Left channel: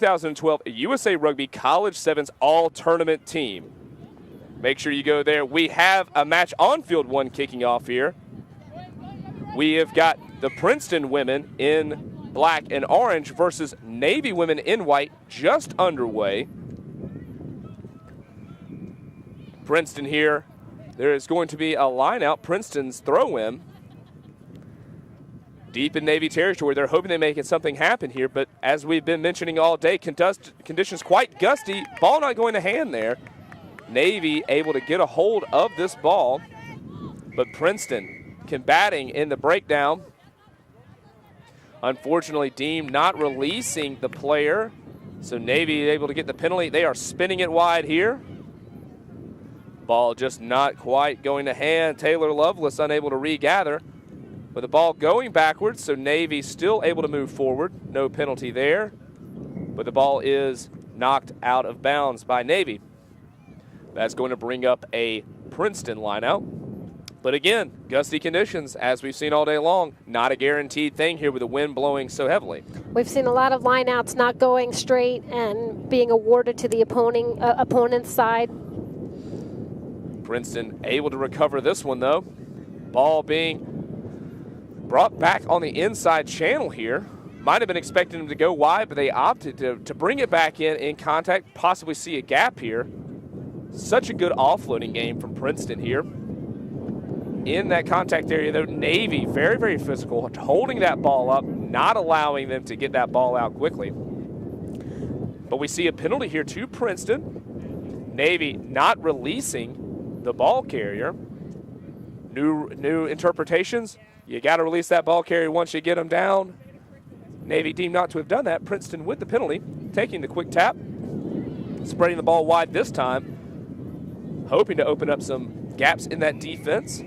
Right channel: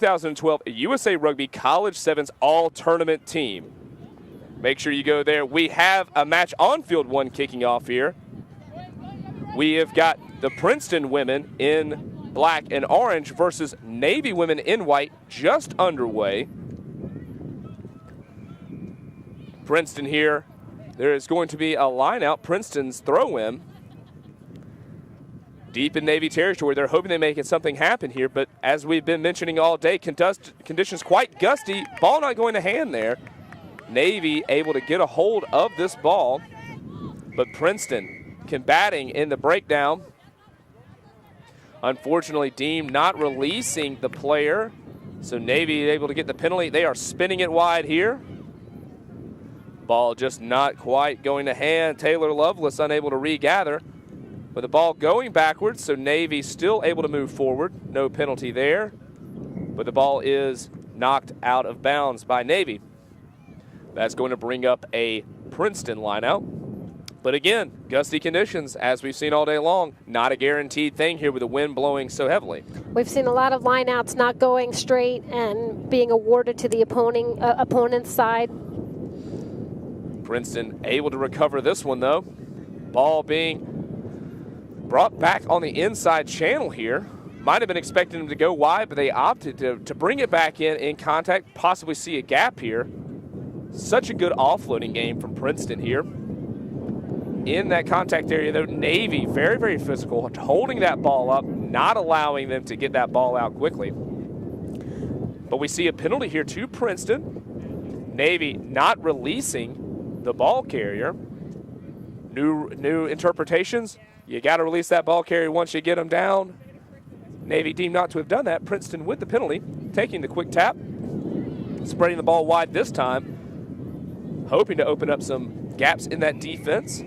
2012 USA Rugby College Sevens All-Tournament team. Make sure you go there. We have a match on field one kicking off here. We have got the Princeton women in black and orange versus Navy women in white just underway. Princeton here. There is going to be a line out. Princeton's throw-in. Deep in Navy territory. They're hoping they make something happen here, but as we've been mentioning all day, conditions quite gusty. Ball not going to hand there. Navy able to get a hold of this ball, but Princeton combating in the breakdown. Unfortunately, Deem not releasing the player, so Navy able to get the penalty. They are spinning it wide here. Ball just not quite going to hand. Taylor Lovelace unable to regather. With the ball going backwards, so Navy still able to move forward. No penalty there. But the ball is knocked out of bounds by Navy. That's going to bring up a Princeton lineout. But again, gusty conditions, as we've seen all day long. Not a guaranteed thing here with the wind blowing so heavily. We've seen a lot of lineouts not going straight and being awarded to the opponent's side. Princeton able to recover this one, though. Ball being brought back on the inside channel here. Might have been expecting him to go wide, but they opted to bring it back in contact, possibly see a gap here. Such a good offloading game from Princeton here. In that contact area, though, Navy, very, very physical, holding that ball up, not allowing them to get that ball out quickly. But we see a penalty here to Princeton. Navy not releasing the ball carrier. New interpretations. You got to release that ball carrier once you get them down. Navy deemed not to have done that. Princeton with the penalty, taking the quick tap, spreading the ball wide this time, hoping to open up some gaps in that defense.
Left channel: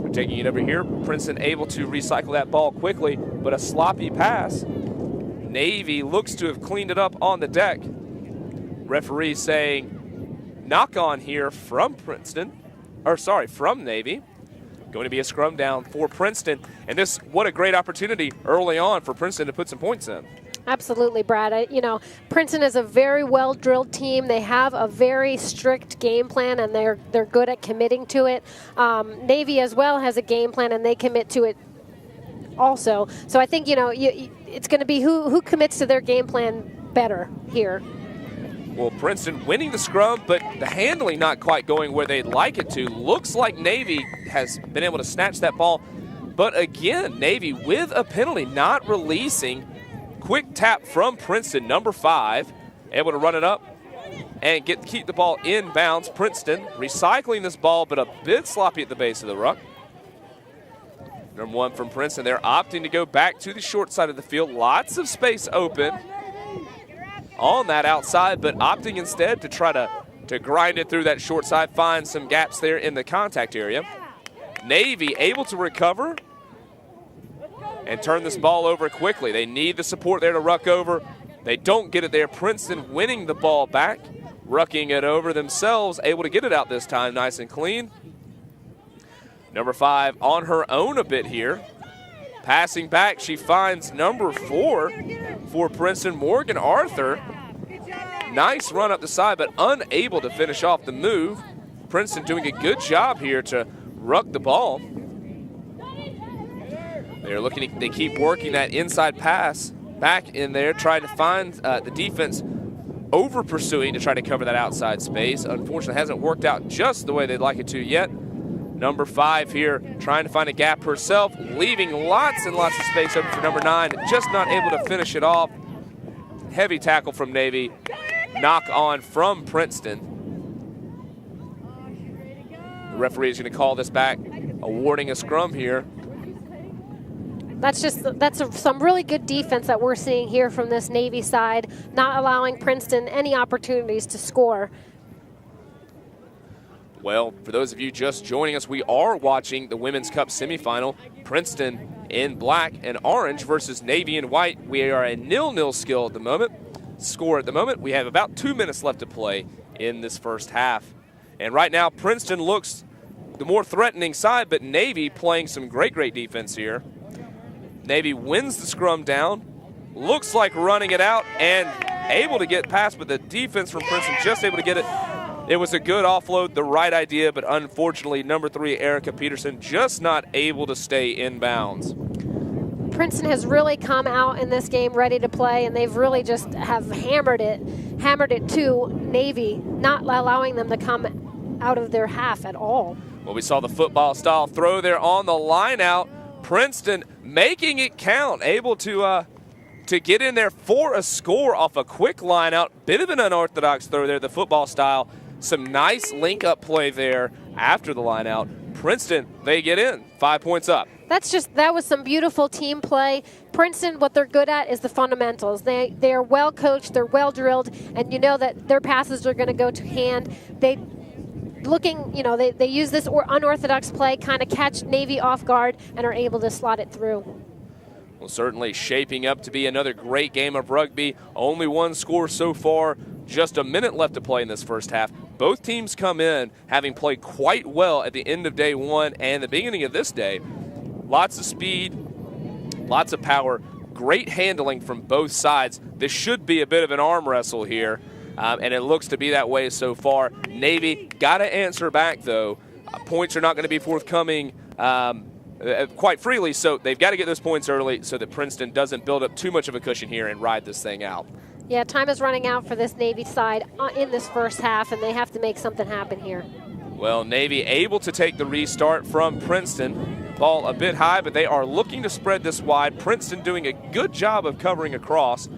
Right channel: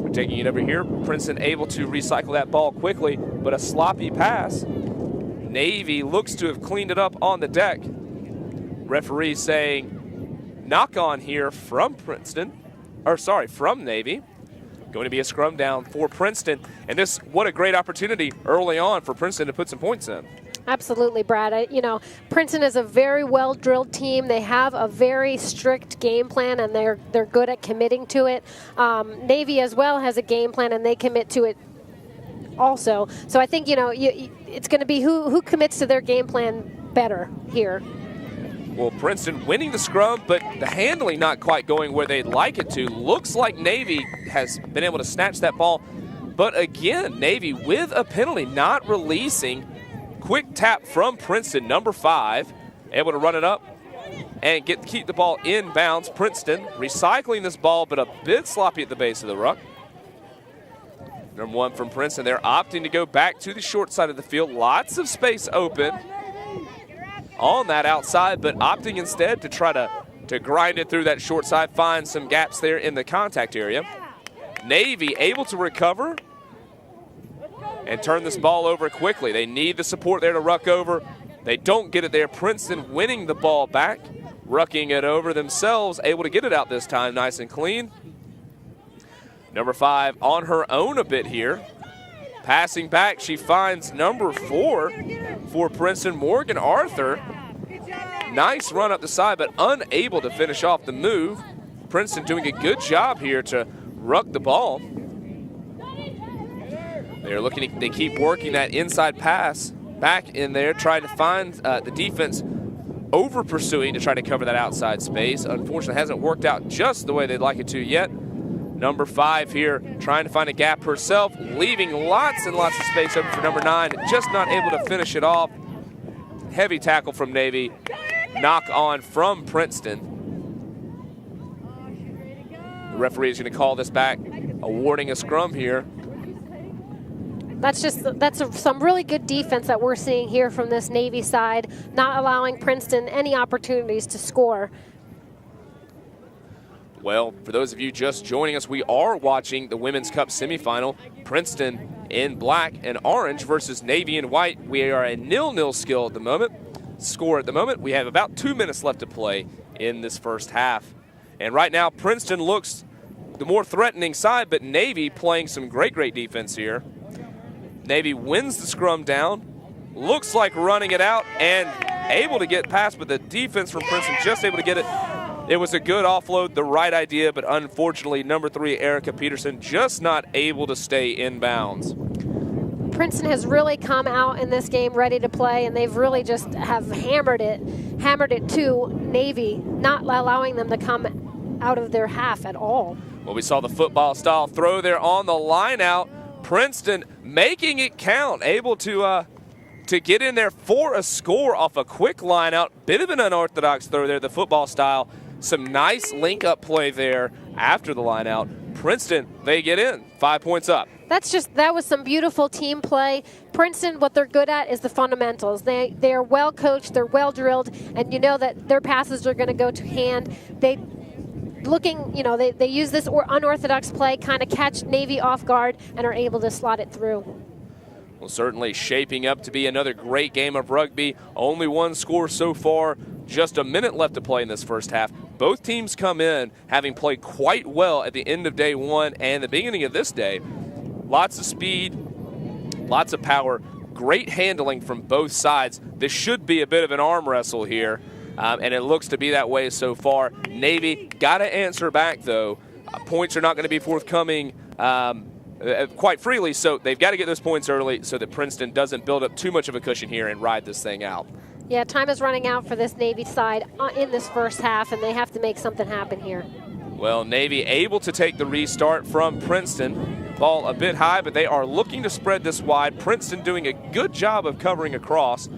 We're taking it over here. Princeton able to recycle that ball quickly, but a sloppy pass. Navy looks to have cleaned it up on the deck. Referee saying knock on here from from Navy. Going to be a scrum down for Princeton. And this, what a great opportunity early on for Princeton to put some points in. Absolutely, Brad. Princeton is a very well-drilled team. They have a very strict game plan, and they're good at committing to it. Navy as well has a game plan, and they commit to it also. So I think, it's going to be who commits to their game plan better here. Well, Princeton winning the scrum, but the handling not quite going where they'd like it to. Looks like Navy has been able to snatch that ball. But again, Navy with a penalty, not releasing. Quick tap from Princeton, number 5. Able to run it up and keep the ball in bounds. Princeton recycling this ball, but a bit sloppy at the base of the ruck. Number 1 from Princeton. They're opting to go back to the short side of the field. Lots of space open on that outside, but opting instead to try to grind it through that short side, find some gaps there in the contact area. Navy able to recover and turn this ball over quickly. They need the support there to ruck over. They don't get it there. Princeton winning the ball back, rucking it over themselves, able to get it out this time nice and clean. Number 5 on her own a bit here. Passing back, she finds number 4 for Princeton, Morgan Arthur. Nice run up the side, but unable to finish off the move. Princeton doing a good job here to ruck the ball. They keep working that inside pass back in there, trying to find the defense over pursuing to try to cover that outside space. Unfortunately, it hasn't worked out just the way they'd like it to yet. Number 5 here trying to find a gap herself, leaving lots and lots of space open for number 9. Just not able to finish it off. Heavy tackle from Navy. Knock on from Princeton. The referee is going to call this back, awarding a scrum here. That's some really good defense that we're seeing here from this Navy side, not allowing Princeton any opportunities to score. Well, for those of you just joining us, we are watching the Women's Cup semifinal. Princeton in black and orange versus Navy in white. We are a 0-0 score at the moment. We have about 2 minutes left to play in this first half. And right now, Princeton looks the more threatening side, but Navy playing some great defense here. Navy wins the scrum down, looks like running it out and able to get past, but the defense from Princeton just able to get it. It was a good offload, the right idea, but unfortunately, number 3, Erica Peterson, just not able to stay in bounds. Princeton has really come out in this game ready to play, and they've really just have hammered it to Navy, not allowing them to come out of their half at all. Well, we saw the football-style throw there on the line out. Princeton making it count, able to get in there for a score off a quick line out. Bit of an unorthodox throw there, the football style. Some nice link-up play there after the line out. Princeton, they get in, 5 points up. That was some beautiful team play. Princeton, what they're good at is the fundamentals. They are well coached, they're well drilled, and you know that their passes are going to go to hand. They use this unorthodox play, kind of catch Navy off guard, and are able to slot it through. Well, certainly shaping up to be another great game of rugby. Only one score so far. Just a minute left to play in this first half. Both teams come in having played quite well at the end of day one and the beginning of this day. Lots of speed, lots of power, great handling from both sides. This should be a bit of an arm wrestle here, and it looks to be that way so far. Navy got to answer back, though. Points are not going to be forthcoming quite freely, so they've got to get those points early so that Princeton doesn't build up too much of a cushion here and ride this thing out. Yeah, time is running out for this Navy side in this first half, and they have to make something happen here. Well, Navy able to take the restart from Princeton. Ball a bit high, but they are looking to spread this wide. Princeton doing a good job of covering across.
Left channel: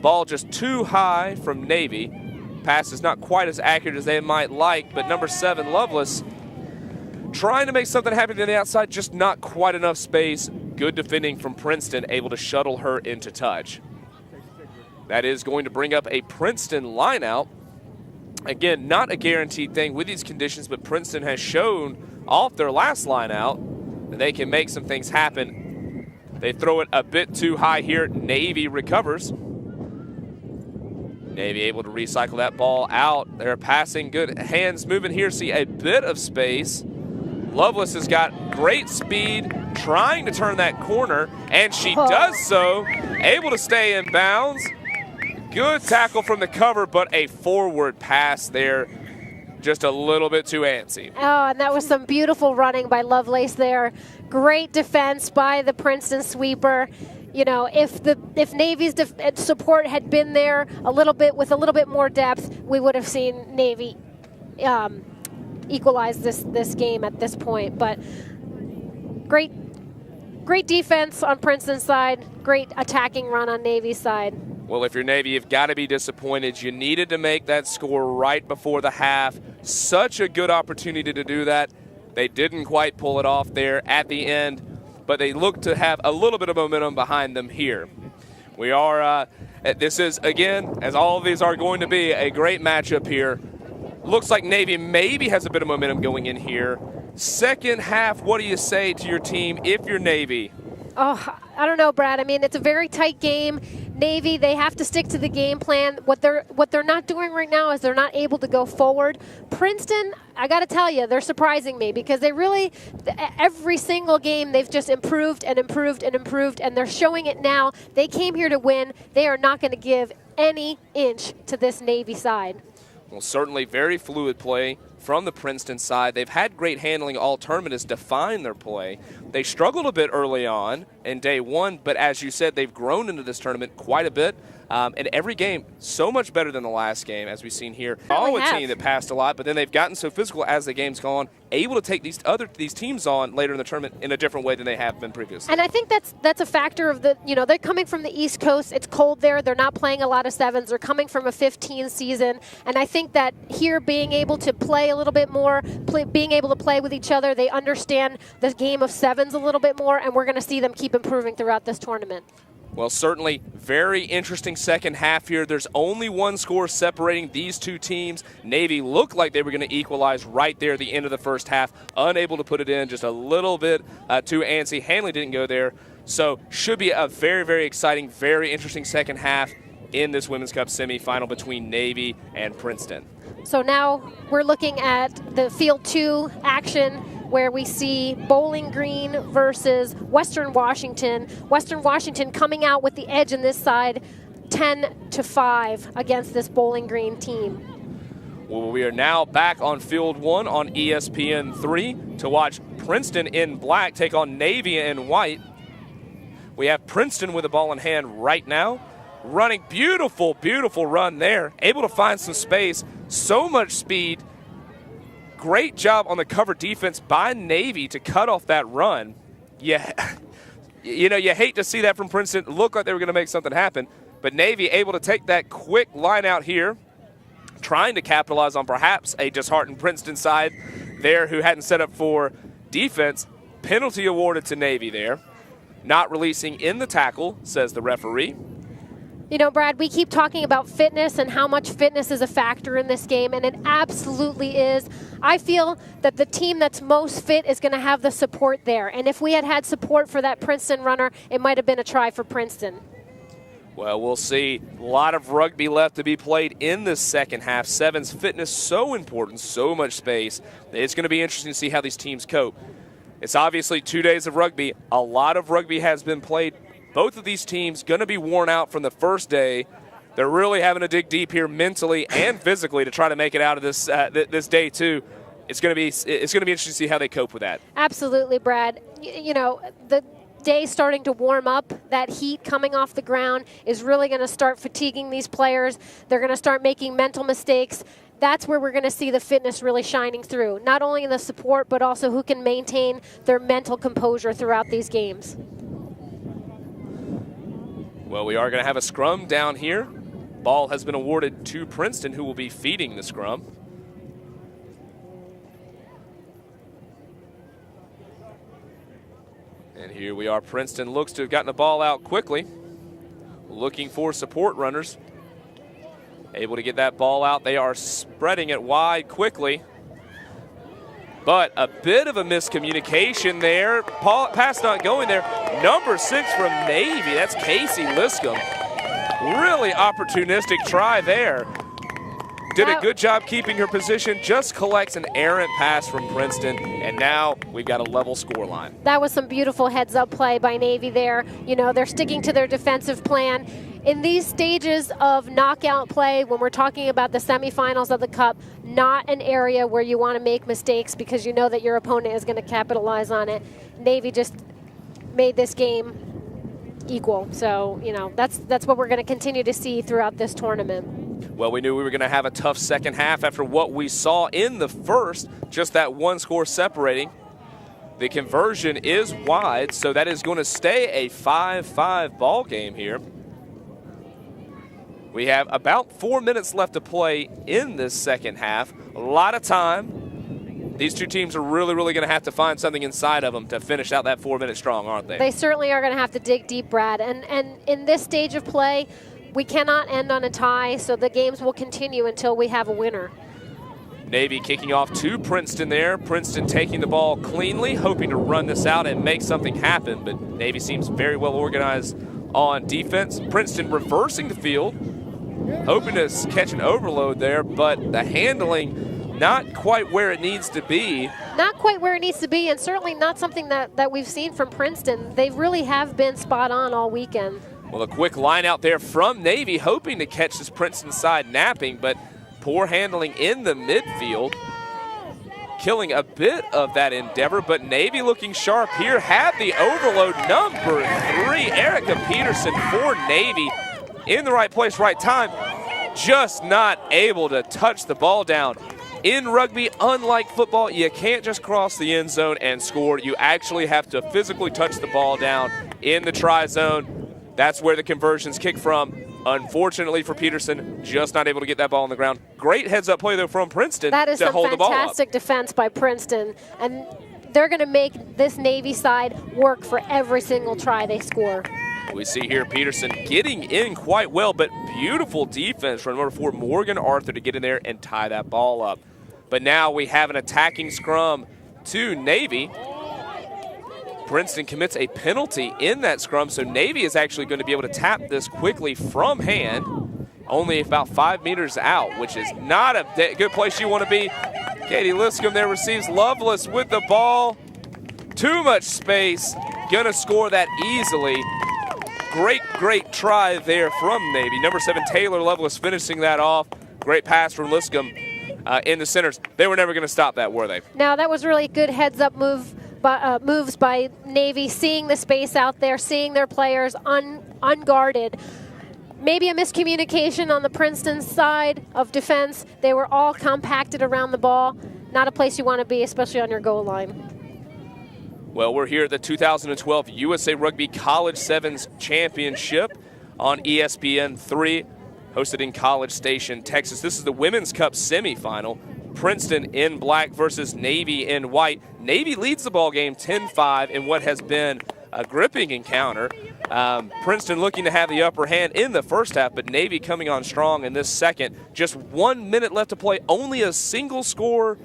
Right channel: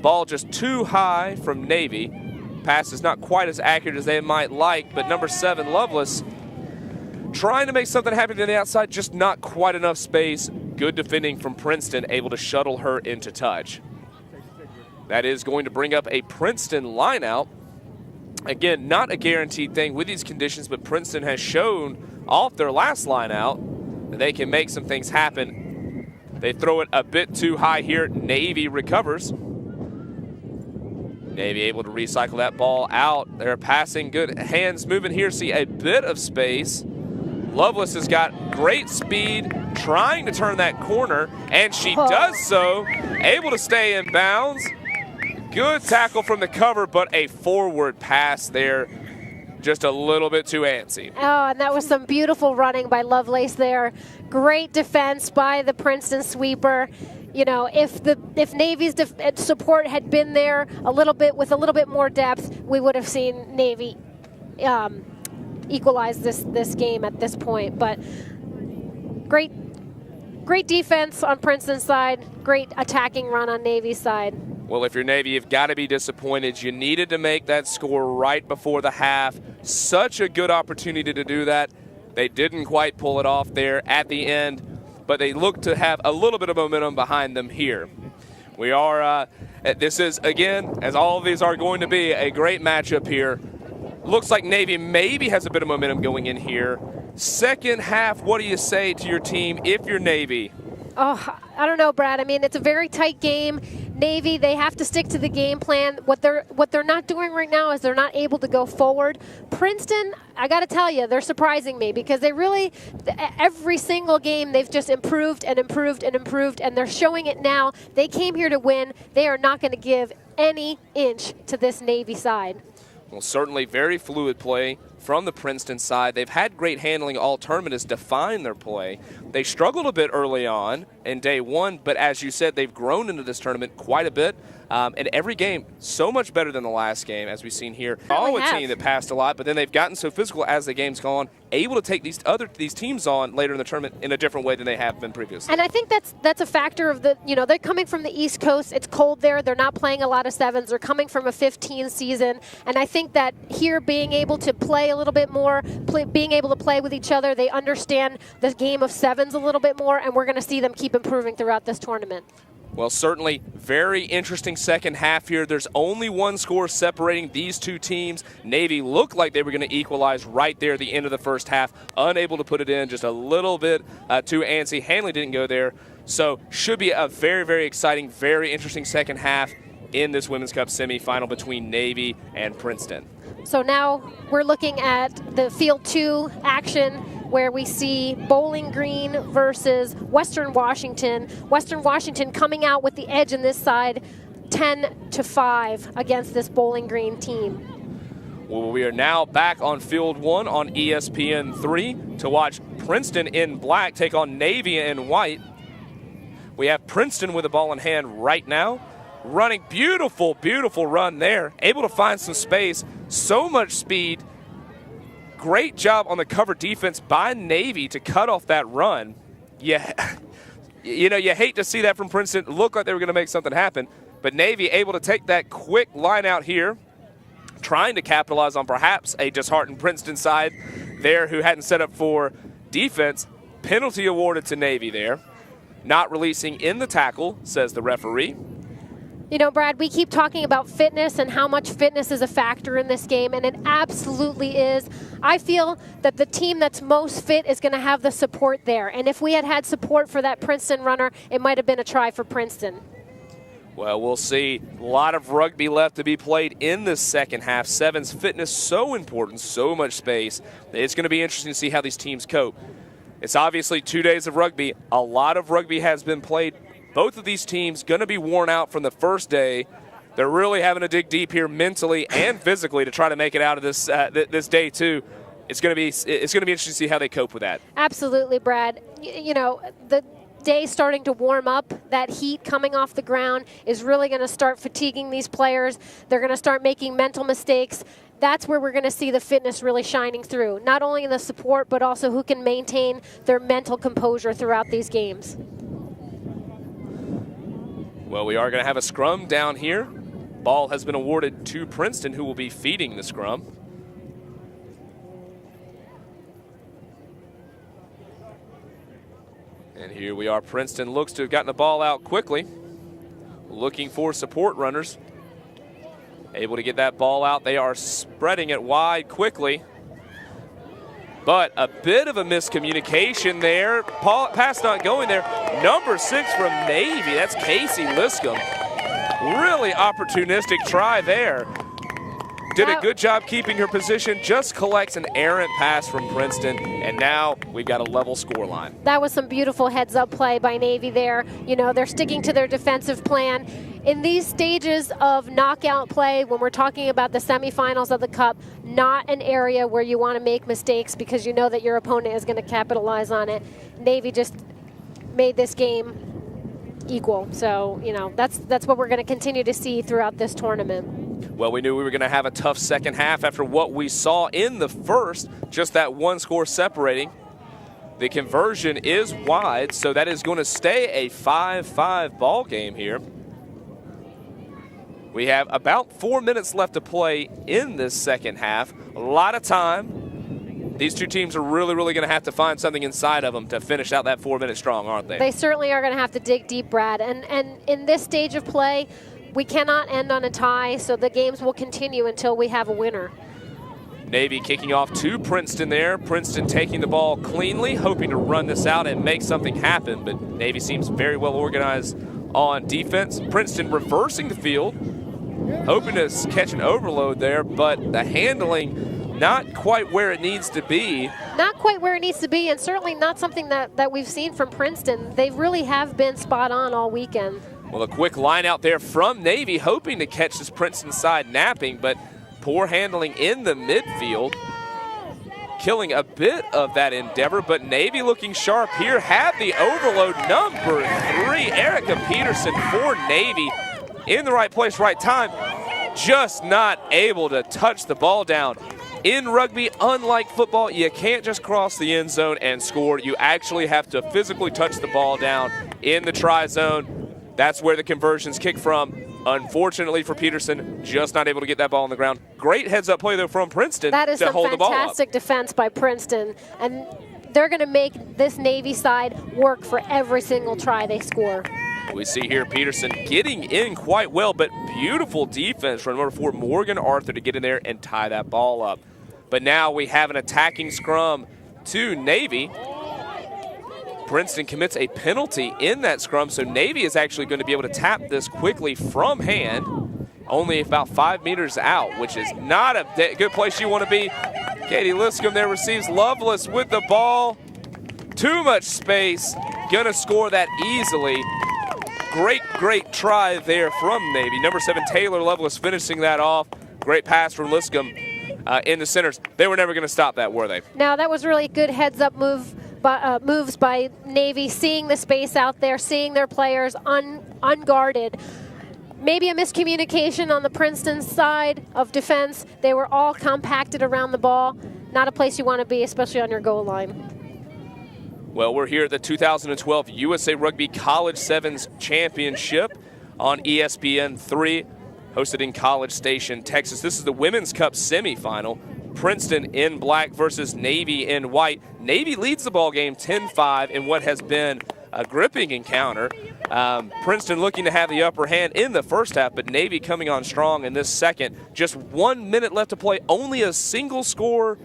Ball just too high from Navy. Pass is not quite as accurate as they might like, but number 7, Lovelace, trying to make something happen to the outside, just not quite enough space. Good defending from Princeton, able to shuttle her into touch. That is going to bring up a Princeton lineout. Again, not a guaranteed thing with these conditions, but Princeton has shown off their last lineout that they can make some things happen. They throw it a bit too high here. Navy recovers. Navy able to recycle that ball out. They're passing, good hands moving here. See a bit of space. Lovelace has got great speed, trying to turn that corner, and she does so. Able to stay in bounds. Good tackle from the cover, but a forward pass there. Just a little bit too antsy. Oh, and that was some beautiful running by Lovelace there. Great defense by the Princeton sweeper. You know, if Navy's support had been there a little bit with a little bit more depth, we would have seen Navy equalize this game at this point. But great defense on Princeton's side. Great attacking run on Navy's side. Well, if you're Navy, you've got to be disappointed. You needed to make that score right before the half. Such a good opportunity to do that. They didn't quite pull it off there at the end, but they look to have a little bit of momentum behind them here. We are, this is, again, as all of these are going to be, a great matchup here. Looks like Navy maybe has a bit of momentum going in here. Second half, what do you say to your team if you're Navy? Oh, I don't know, Brad. I mean, it's a very tight game. Navy, they have to stick to the game plan. What they're not doing right now is they're not able to go forward. Princeton, I got to tell you, they're surprising me because they really, every single game, they've just improved and improved and improved, and they're showing it now. They came here to win. They are not going to give any inch to this Navy side. Well, certainly very fluid play from the Princeton side. They've had great handling all tournament has defined their play. They struggled a bit early on in day one, but as you said, they've grown into this tournament quite a bit. And every game, so much better than the last game, as we've seen here. Oh, a team that passed a lot, but then they've gotten so physical as the game's gone, able to take these teams on later in the tournament in a different way than they have been previously. And I think that's a factor of they're coming from the East Coast. It's cold there. They're not playing a lot of sevens. They're coming from a 15 season. And I think that here being able to play a little bit more, being able to play with each other, they understand the game of sevens a little bit more, and we're going to see them keep improving throughout this tournament. Well, certainly very interesting second half here. There's only one score separating these two teams. Navy looked like they were going to equalize right there at the end of the first half. Unable to put it in, just a little bit too antsy. Hanley didn't go there. So should be a very, very exciting, very interesting second half in this Women's Cup semifinal between Navy and Princeton. So now we're looking at the Field 2 action. where we see Bowling Green versus Western Washington. Western Washington coming out with the edge on this side, 10-5 against this Bowling Green team. Well, we are now back on Field 1 on ESPN3 to watch Princeton in black take on Navy in white. We have Princeton with the ball in hand right now. Running beautiful, beautiful run there. Able to find some space. So much speed. Great job on the cover defense by Navy to cut off that run. Yeah, you hate to see that from Princeton. It looked like they were going to make something happen. But Navy able to take that quick line out here, trying to capitalize on perhaps a disheartened Princeton side there who hadn't set up for defense. Penalty awarded to Navy there. Not releasing in the tackle, says the referee. You know, Brad, we keep talking about fitness and how much fitness is a factor in this game, and it absolutely is. I feel that the team that's most fit is going to have the support there. And if we had had support for that Princeton runner, it might have been a try for Princeton. Well, we'll see. A lot of rugby left to be played in this second half. Seven's fitness so important, so much space. It's going to be interesting to see how these teams cope. It's obviously 2 days of rugby. A lot of rugby has been played. Both of these teams going to be worn out from the first day. They're really having to dig deep here mentally and physically to try to make it out of this this day too. It's going to be interesting to see how they cope with that. Absolutely, Brad. You know, the day starting to warm up, that heat coming off the ground is really going to start fatiguing these players. They're going to start making mental mistakes. That's where we're going to see the fitness really shining through, not only in the support, but also who can maintain their mental composure throughout these games. Well, we are going to have a scrum down here. Ball has been awarded to Princeton, who will be feeding the scrum. And here we are. Princeton looks to have gotten the ball out quickly, looking for support runners. Able to get that ball out. They are spreading it wide quickly. But a bit of a miscommunication there. Pass not going there. Number 6 from Navy. That's Casey Liscombe. Really opportunistic try there. Did a good job keeping her position. Just collects an errant pass from Princeton. And now we've got a level score line. That was some beautiful heads-up play by Navy there. You know, they're sticking to their defensive plan. In these stages of knockout play, when we're talking about the semifinals of the Cup, not an area where you want to make mistakes because you know that your opponent is going to capitalize on it. Navy just made this game equal. So, you know, that's what we're going to continue to see throughout this tournament. Well, we knew we were going to have a tough second half after what we saw in the first, just that one score separating. The conversion is wide, so that is going to stay a 5-5 ball game here. We have about 4 minutes left to play in this second half. A lot of time. These two teams are really, really going to have to find something inside of them to finish out that 4 minutes strong, aren't they? They certainly are going to have to dig deep, Brad. And in this stage of play, we cannot end on a tie, so the games will continue until we have a winner. Navy kicking off to Princeton there. Princeton taking the ball cleanly, hoping to run this out and make something happen. But Navy seems very well organized on defense. Princeton reversing the field, hoping to catch an overload there, but the handling not quite where it needs to be. Not quite where it needs to be, and certainly not something that we've seen from Princeton. They really have been spot on all weekend. Well, a quick line out there from Navy, hoping to catch this Princeton side napping, but poor handling in the midfield, killing a bit of that endeavor. But Navy looking sharp here, have the overload. Number 3, Erica Peterson for Navy. In the right place, right time, just not able to touch the ball down. In rugby, unlike football, you can't just cross the end zone and score. You actually have to physically touch the ball down in the try zone. That's where the conversions kick from. Unfortunately for Peterson, just not able to get that ball on the ground. Great heads-up play, though, from Princeton to hold the ball up. That is fantastic defense by Princeton. And they're going to make this Navy side work for every single try they score. We see here Peterson getting in quite well, but beautiful defense from number 4, Morgan Arthur, to get in there and tie that ball up. But now we have an attacking scrum to Navy. Princeton commits a penalty in that scrum, so Navy is actually going to be able to tap this quickly from hand, only about 5 meters out, which is not a good place you want to be. Katie Liscombe there receives Lovelace with the ball. Too much space. Gonna score that easily. Great try there from Navy. Number 7, Taylor Lovelace finishing that off. Great pass from Liscombe in the centers. They were never going to stop that, were they? No, that was really good heads-up moves by Navy, seeing the space out there, seeing their players unguarded. Maybe a miscommunication on the Princeton side of defense. They were all compacted around the ball. Not a place you want to be, especially on your goal line. Well, we're here at the 2012 USA Rugby College Sevens Championship on ESPN 3, hosted in College Station, Texas. This is the Women's Cup semifinal. Princeton in black versus Navy in white. Navy leads the ball game 10-5 in what has been a gripping encounter. Princeton looking to have the upper hand in the first half, but Navy coming on strong in this second. Just 1 minute left to play. Only a single score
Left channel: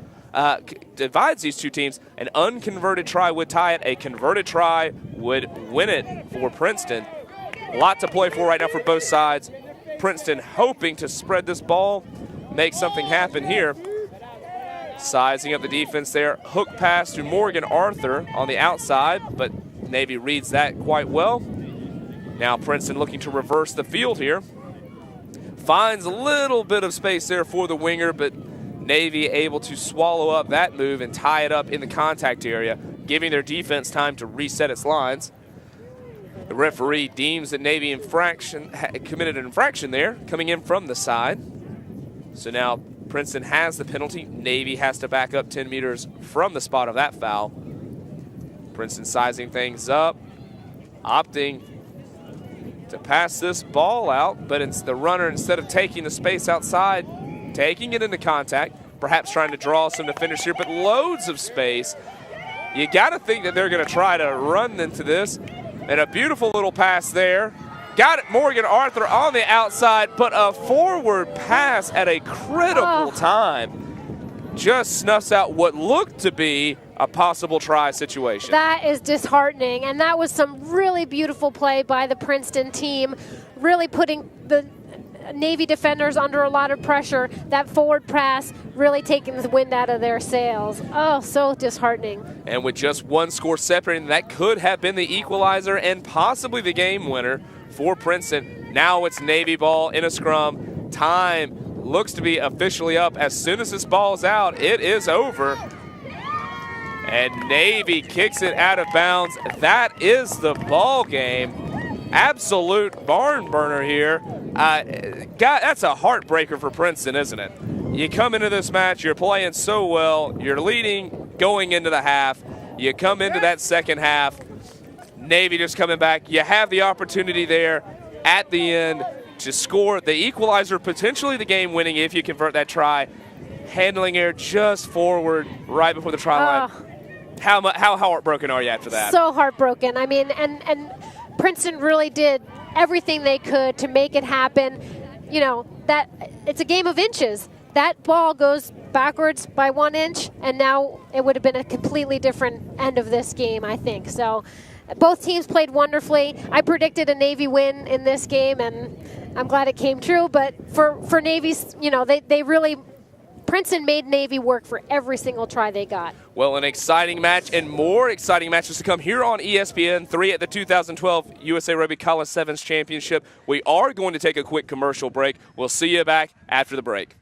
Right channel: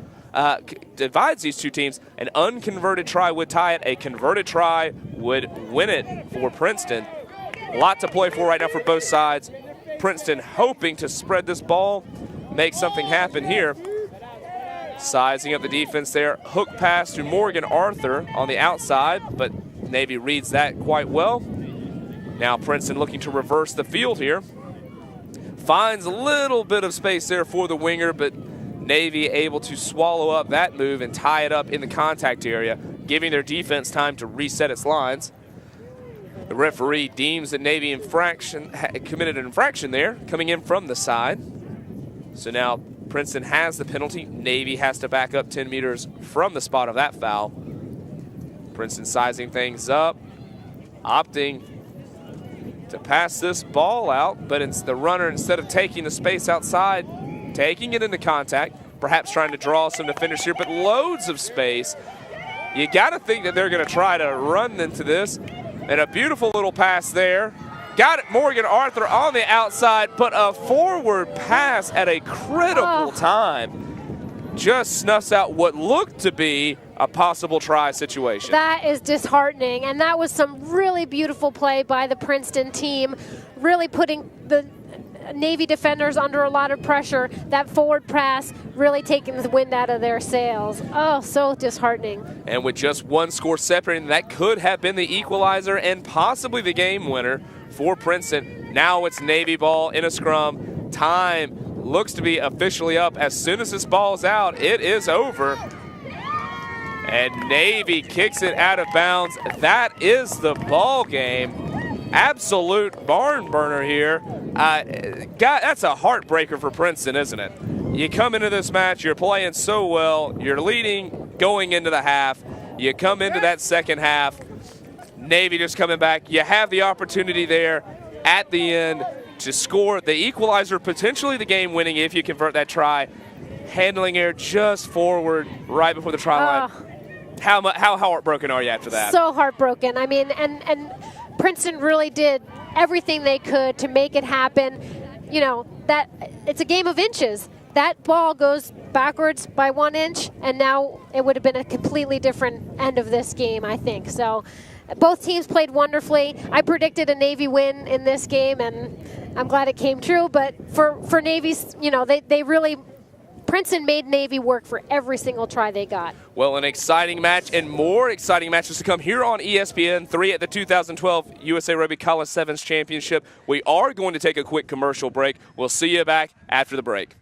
divides these two teams. An unconverted try would tie it. A converted try would win it for Princeton. A lot to play for right now for both sides. Princeton hoping to spread this ball, make something happen here. Sizing up the defense there. Hook pass to Morgan Arthur on the outside, but Navy reads that quite well. Now Princeton looking to reverse the field here. Finds a little bit of space there for the winger, but Navy able to swallow up that move and tie it up in the contact area, giving their defense time to reset its lines. The referee deems that Navy committed an infraction there, coming in from the side. So now Princeton has the penalty. Navy has to back up 10 meters from the spot of that foul. Princeton sizing things up, opting to pass this ball out, but it's the runner, instead of taking the space outside, taking it into contact, perhaps trying to draw some defenders here, but loads of space. You got to think that they're going to try to run into this. And a beautiful little pass there. Got it, Morgan Arthur on the outside, but a forward pass at a critical time just snuffs out what looked to be a possible try situation. That is disheartening, and that was some really beautiful play by the Princeton team, really putting the Navy defenders under a lot of pressure. That forward pass really taking the wind out of their sails. Oh, so disheartening. And with just one score separating, that could have been the equalizer and possibly the game winner for Princeton. Now it's Navy ball in a scrum. Time looks to be officially up. As soon as this ball's out, it is over. And Navy kicks it out of bounds. That is the ball game. Absolute barn burner here. That's a heartbreaker for Princeton, isn't it? You come into this match, you're playing so well, you're leading going into the half. You come into that second half, Navy just coming back. You have the opportunity there at the end to score the equalizer, potentially the game winning if you convert that try. Handling error just forward right before the try line. How heartbroken are you after that? So heartbroken. I mean, and Princeton really did everything they could to make it happen. You know, that it's a game of inches. That ball goes backwards by 1 inch, and now it would have been a completely different end of this game, I think. So both teams played wonderfully. I predicted a Navy win in this game, and I'm glad it came true. But for Navy's, you know, they really, Princeton made Navy work for every single try they got. Well, an exciting match and more exciting matches to come here on ESPN 3 at the 2012 USA Rugby College Sevens Championship. We are going to take a quick commercial break. We'll see you back after the break.